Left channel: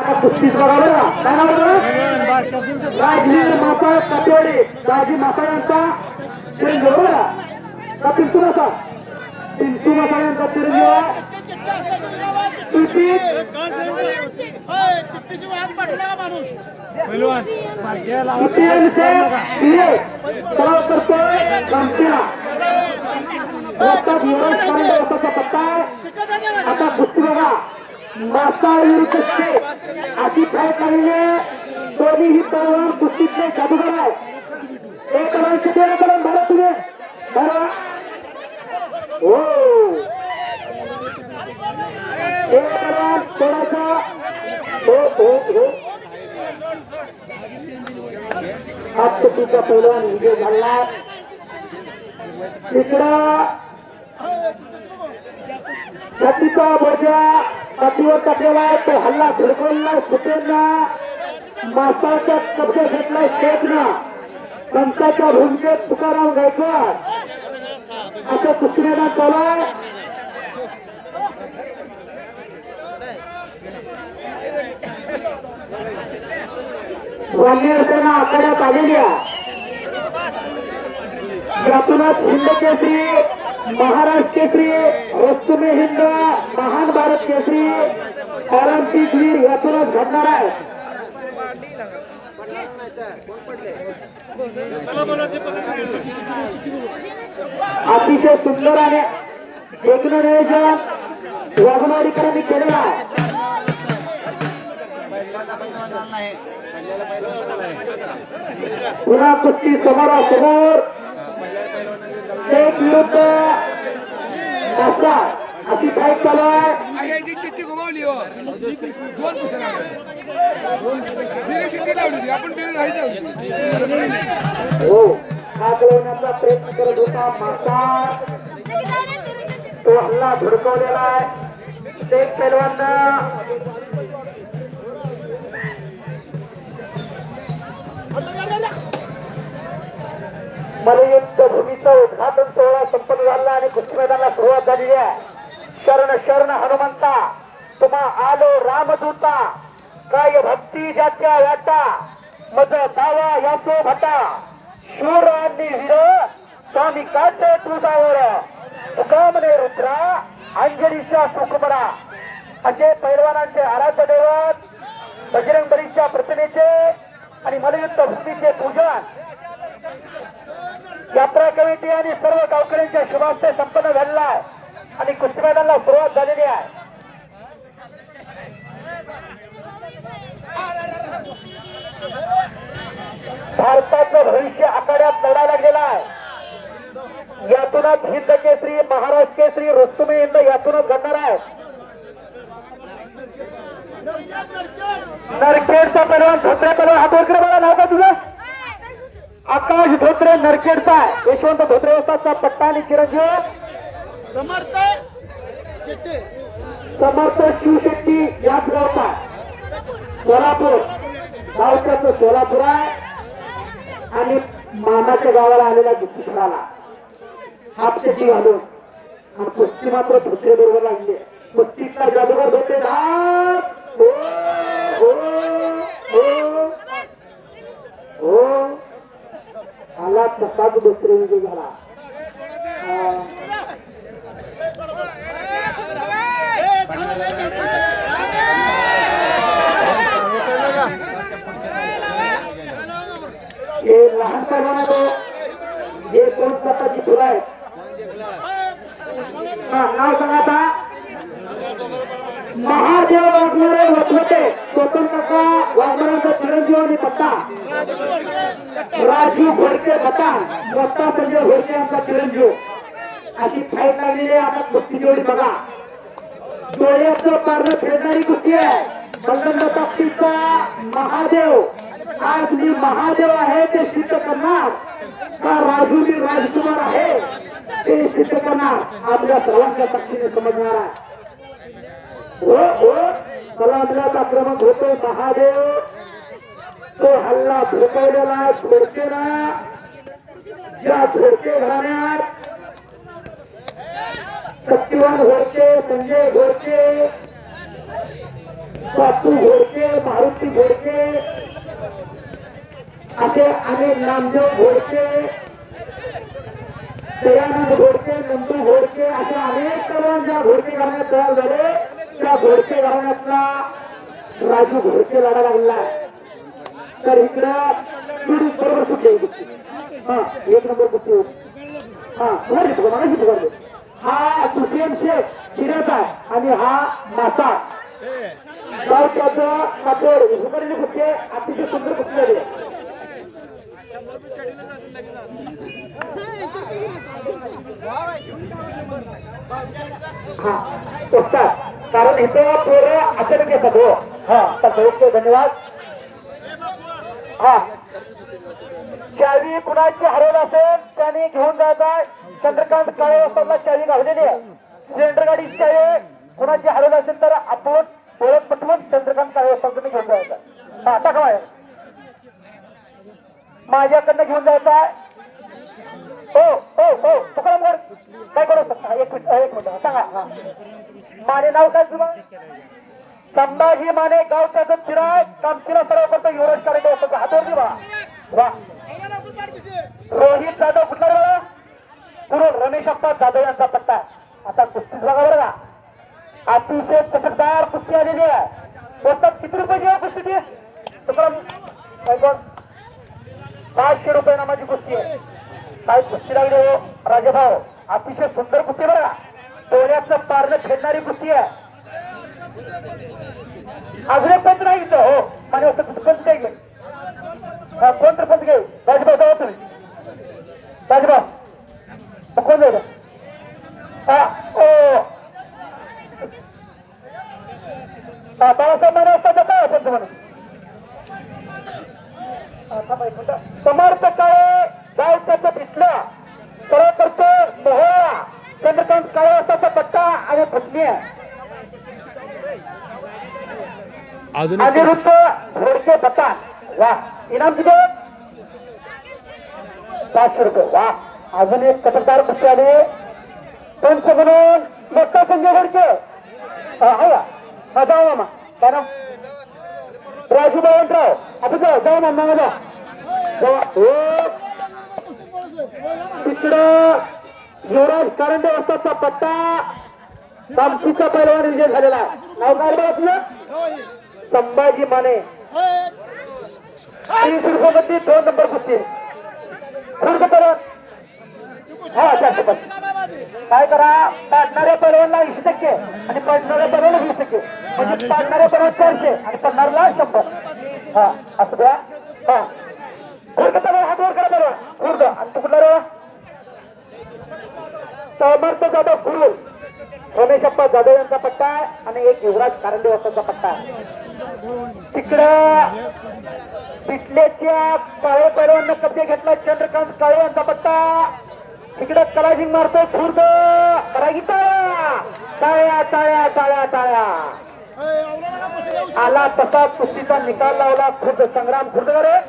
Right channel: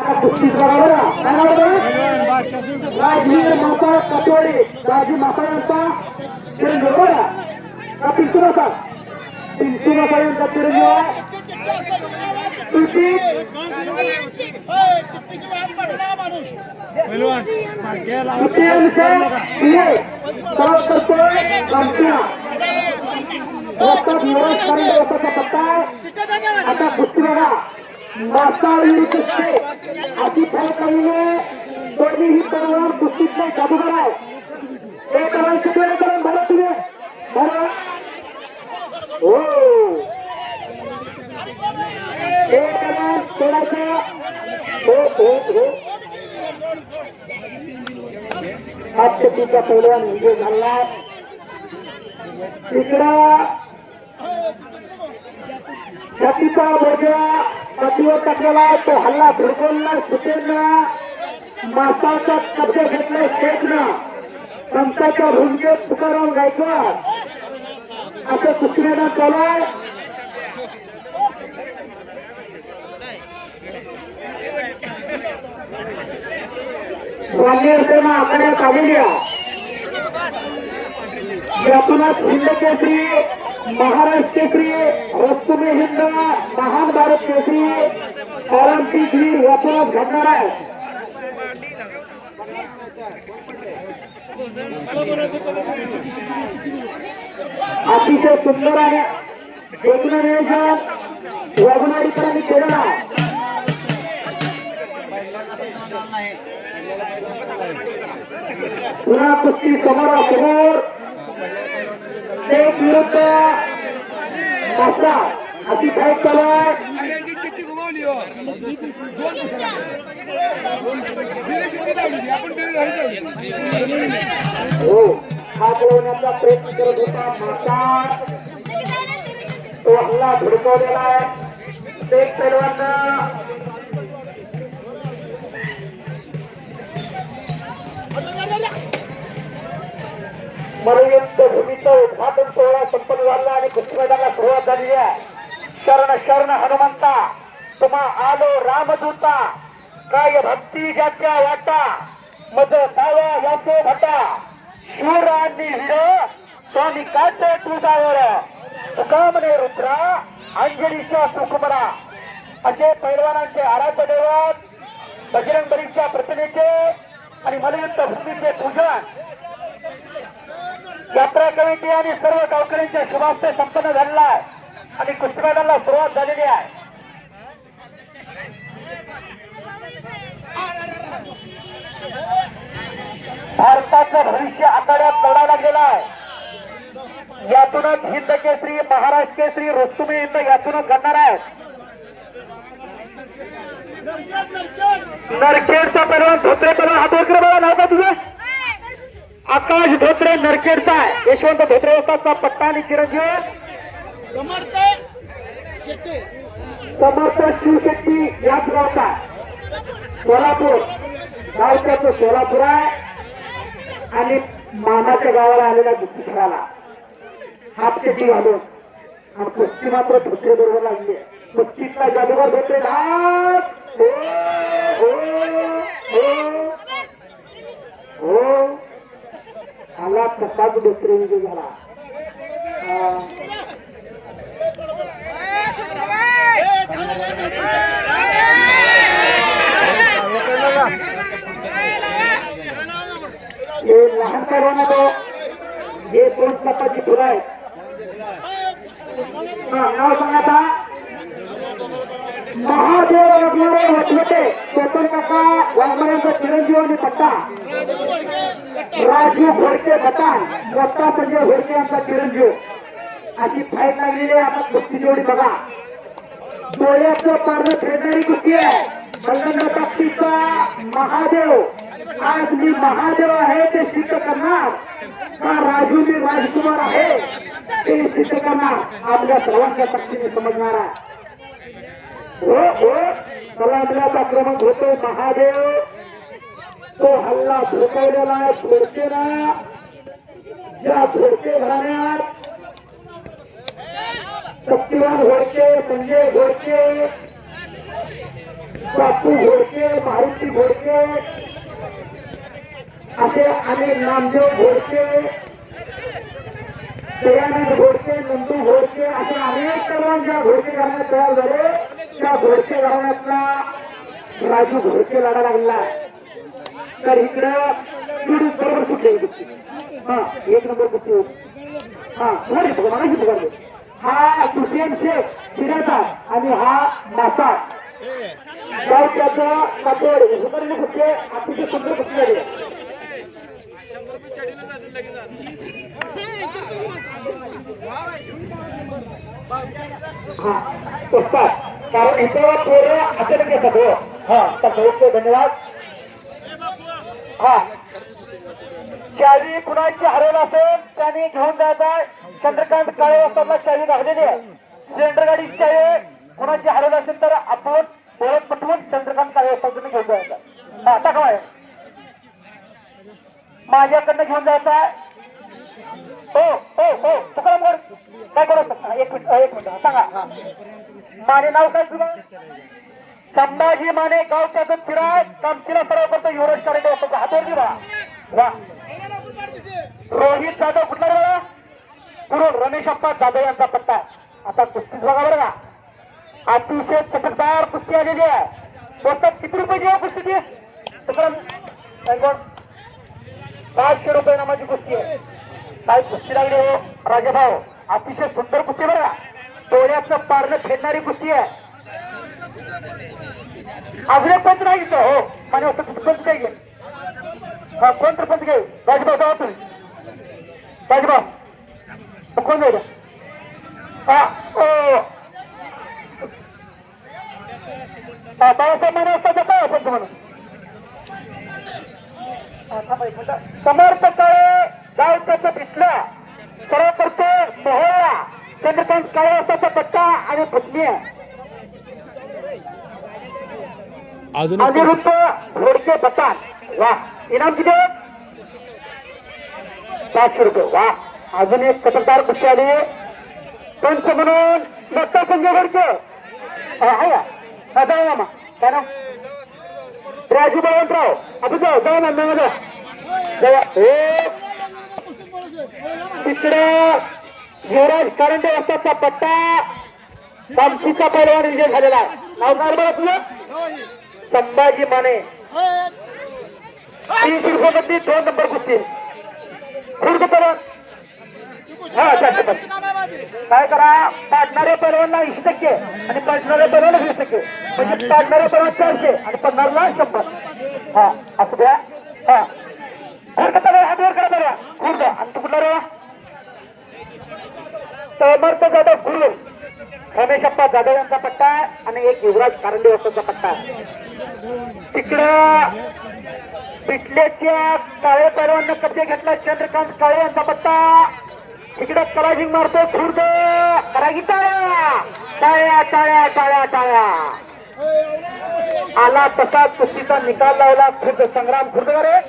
कुस्तीच बघा राजवीर मासा कातोडे दाजी मासा यांचा चिरंजीव बघा का पिंटू मासा यांचा चिरंजीव आहे पत्ता आता कुस्ती बघा मासा विरुद्ध अशी फाईट लागली दोन्ही ही पहलवान कुस्तीत नाही जादूगर आहे एक पहलवान किती वेळा पहलवान भरा तुम्ही भरा हो एक पहलवान थोडासा हो हो हो आज तिचा पहलवान विजय झाला इकडं छातीचा बोजा छातीवर टाकलेला आहे तो हल्ला भिडकोलला सुटेनं मासाचा कब्जा घेतलाय स्टेजनं पंचाच्या भूमिकेत तुकाराम गायकवाड असं कुस्ती मैदान चालू आहे ग्रामीण सेना आखाड्यात आलेली आहे यातूनच हिंद केसरी महाराष्ट्र केसरी रस्तुमे हिंद महान भारत केसरी ऑलिम्पिक वीर यातूनच घडणार आहे अतिशय सुंदर आणि एकूण नियोजन वाघनवाडीकरांनी केलेलं आहे पुन्हा कुस्ती समोरासमोर एक विरुद्ध मासा अशी फाईट चालू आहे हो हात लावण्याचा प्रयत्न करत होता मासा तो हल्ला भडकवलेला आहे एक पैलवान मलयुद्ध भूमीचं उद्घाटन सोहळा संपन्न झाला आणि कुस्ती मैदानाला सुरुवात झाली आहे शरण शरण हनुमंता तुम्हा आलो रामदूता काय भक्ती ज्याच्या याचा मज दावा याचे भटा शूर आणि वीर स्वामी काचे तुझावर सुकामने रुद्रा अंजलीच्या सुकुमरा असे पैलवानांचे आराध्य दैवत बजरंग बलीच्या प्रतिमेचे आणि मलयुद्ध भूमीचे पूजन यात्रा कमिटी आणि सर्व गावकऱ्यांच्या शुभास्ते संपन्न झालेला आहे आणि कुस्ती मैदानाला सुरुवात झालेली आहे भारताचं भविष्य आखाड्यात लढायला गेलं आहे यातूनच हिंद केसरी महाराष्ट्र केसरी रुस्तुमे हिंद यातूनच घडणार आहे नरखेडचा पैलवान धोत्रे पैलवान हात वगैरे बघा नाव का तुझं आकाश धोत्रे नरखेडचा यशवंत धोत्रे वस्तादचा पत्ता आणि चिरंजीव समर्थ शिवशेट्टी याच गावचा सोलापूर गावच्याचं सोलापूर आहे आणि मामाच्या गावाला आलेला दुसऱ्याला हापशेट्टी घालून आणि कुस्ती मात्र धोत्रे बरोबर लागली कुस्तीतला जादूगर धोत्रे आला तसाच दुसरे विजय झाला हे लहान पैलवान हे कोण स्वतःची फुलं आहेत नाव सांगा आता महादेव वाघमारे वठवटे चेतन काका वाघमारेंचा चिरंजीव आणि पट्टा राजू घोडके बटान मोठा संजय घोडके यांचा चिरंजीव अशी फाईट लागलेली आहे आता कुस्ती तेवढी बघा डोळ्याचं पारणं फेडणारी कुस्ती आहे बलगंड ताकदीचा महादेव आज मी महादेव आहे ते सिद्ध करणार का राजू मी राजकुमार आहे ते सिद्ध करणार आपल्या सर्वांच्या ताकदीने समजणार आहे हो हो कलामलाच आक्रमक होतो महादेव तो हल्ला झोपवलेला धोडकेला ज्या धोडके घराण्यात शक्तिवान घोडके संजय घोडके बापू घोडके, मारुती घोडके असे अनेक नामदेव घोडके, दयानंद घोडके, नंदू घोडके असे अनेक तरुण ज्या घोडके घराण्यात तयार झाले त्या घोडके घराण्यातला राजू घोडके लढा लागला. तर इकडं जुडी बरोबर सुटले. हा एक नंबर कुठे हा मला हा सुशेन शेख शिरेचा आणि हा मासा गाव त्याचं कातोड सुपरीने कुठे अतिशय सुंदर कुठे झाले. कारण इथं पेरे अचानक येतात हो. हा तर धन्यवाद. हा चावी कुणाची हरवलं असेल त्याने घेऊन जायचा. चंद्रकांत काळे वाजताना चावी लागलेली आहे. सिलेंडर गाडीची चावी कुणाची हरवलं असेल तर आपण ओळख पटवून चंद्रकांत काळे वाजताना घेऊन जायचा. हा आता काय माझ्याकडनं घेऊन जायचा. हो हो हो तुकाराम काय करू शकता. एक मिनिट सांगा. माने नाव काय तुला. संभाजी माने गाव त्याचं चिराग कामतीला सराव करतो. युवराज करायला होतं हातवर बा वा. रोहित जाधव कुठला बघा. कुरुड रमेश अप्पा जाधव यांचा पट्टा. आता कुस्तीच बघा बरं का. अतिशय चटकदार कुस्ती आलेली आहे. बोलतात किती रुपयाची आहे कुस्ती. तुकाराम 500 रुपये नामाची कुस्ती आहे. काय कुस्ती लागली हो राजाभाऊ. अतिशय सुंदर कुस्ती बघा. डोळ्याचं पारणं फेडणारी कुस्ती आहे. अजून पंच नाही घेतो हो मला वाटतं पंच काय घेईल. कोण तर पंच घेईल. राजभाऊ जाऊ तुम्ही. राजभाऊ कोण जाईल. हा ओ बाळासाहेब माने असता जाता पंच म्हणून. समर्थ काळे गाव त्याचं पिटलं सरळ करतो मोहळा. चंद्रकांत काळे असताचा पट्टा आणि पत्नी अनिरुद्ध घोडके बता. वा इनाम किती 500 रुपये. वा अजून एक चटकदार कुस्ती आली. पंच म्हणून दत्ता संजय घोडके आहे का जाऊ मामा काय ना राजू बळवंतराव आपण जाऊ ना नाव तिकडे युवराज कारंडे वाजताचा पट्टा कामशीचा पैलवान विजय झालेला. नाव काय बघा तुझं. संभाजी माने 300 रुपये 2 नंबर कुस्ती. खुर्द करा काय करा. पाडणाऱ्या पैलवानला 20% आणि पडणाऱ्या पैलवानला 20%. म्हणजे पाडणाऱ्या पैलवान 400 आणि पडणारला 100. हा असं द्या. हा हातवर करा बरं. खुर्द आणि तू कुठला रे. समर्थ जाधव गुरु रमेश अप्पा जाधव यांचा पट्टा आणि एक युवराज कारंडे वाजताचा पट्टा. तिकडं पिटल्याच्या काळे पैलवाननं कब्जा घेतला. चंद्रकांत काळे यांचा पट्टा. इकडं कलाजिंग मारतो खुर्द करा की टाळ्या टाळ्या टाळ्या टाळ्या टाळ्या. आला तसा कुस्तीचा निकाल लावला. खुर्द संग्राम खुर्द रे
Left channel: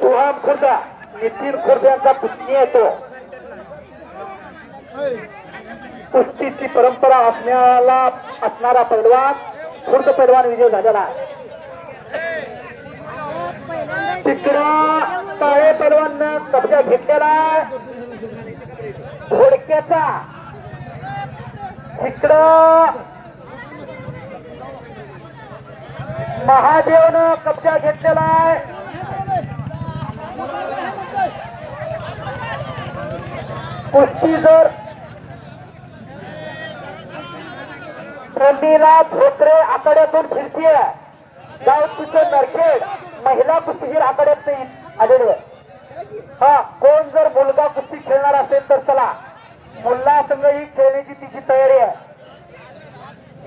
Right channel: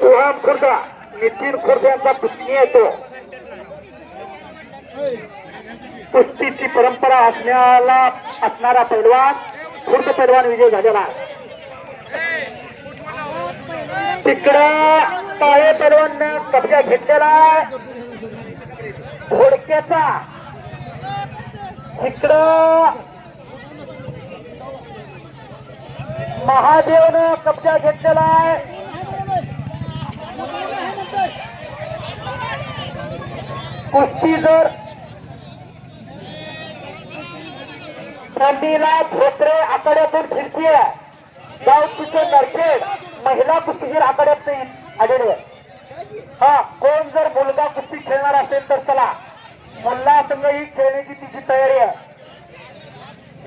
सोहम खुर्द नितीन खुर्द यांचा पुतणी येतो. कुस्तीची परंपरा असणारा पैलवान खुर्द पैलवान विजय झालेला. तिकडं काळे पैलवान कब्जा घेतलेला घोडक्याचा. इकडं महादेवनं कब्जा घेतलेला आहे कुस्ती. जर प्रमीला धोत्रे आखाड्यातून फिरतीये. गाव तिचं नरखेड महिला कुस्तीगीर आखाड्यात आलेले. हा कोण जर मुलगा कुस्ती खेळणार असेल तर चला. मुल्ला संघ ही खेळण्याची तिची तयारी आहे.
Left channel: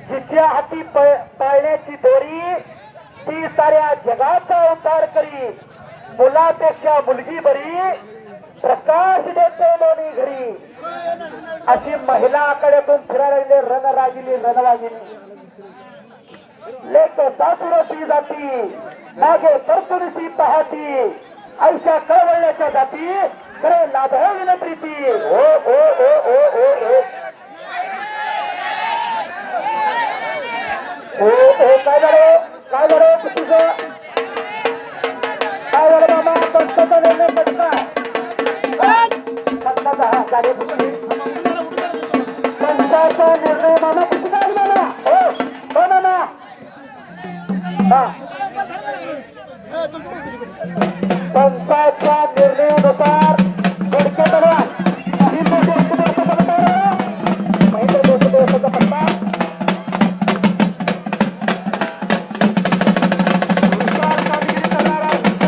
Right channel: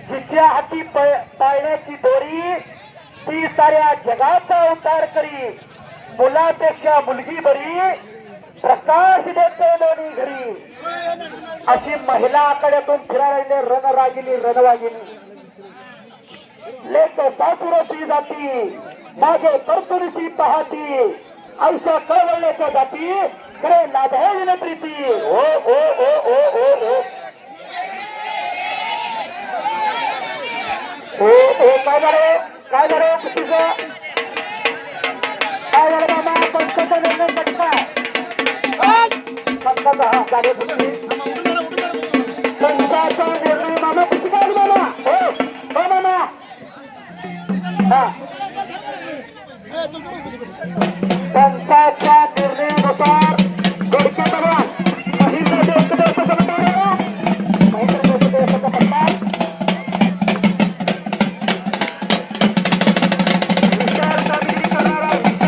जिच्या हाती पाळण्याची दोरी ती साऱ्या जगाचा उद्धार करी. मुलापेक्षा मुलगी बरी प्रकाश देते लोणी घरी. अशी महिला आखाड्यातून फिरायला लागले रणरागिनी रणवागिनी. लेक सासुरची जाती माझे कर्तुरीची पाहती. ऐशा कळवळण्याच्या जाती खरे नादाविन प्रीती. ओ ओ ओ ओ ओ ओ हो हो काय झालं कुस्तीचं काय झालं मामा पंचाचा निर्णय पटका पंचाचा हा झाले कुस्ती पंचाचा निर्णय मामा कुस्ती काय मला हो हो मामा हा पंचाच्या निर्णयानुसार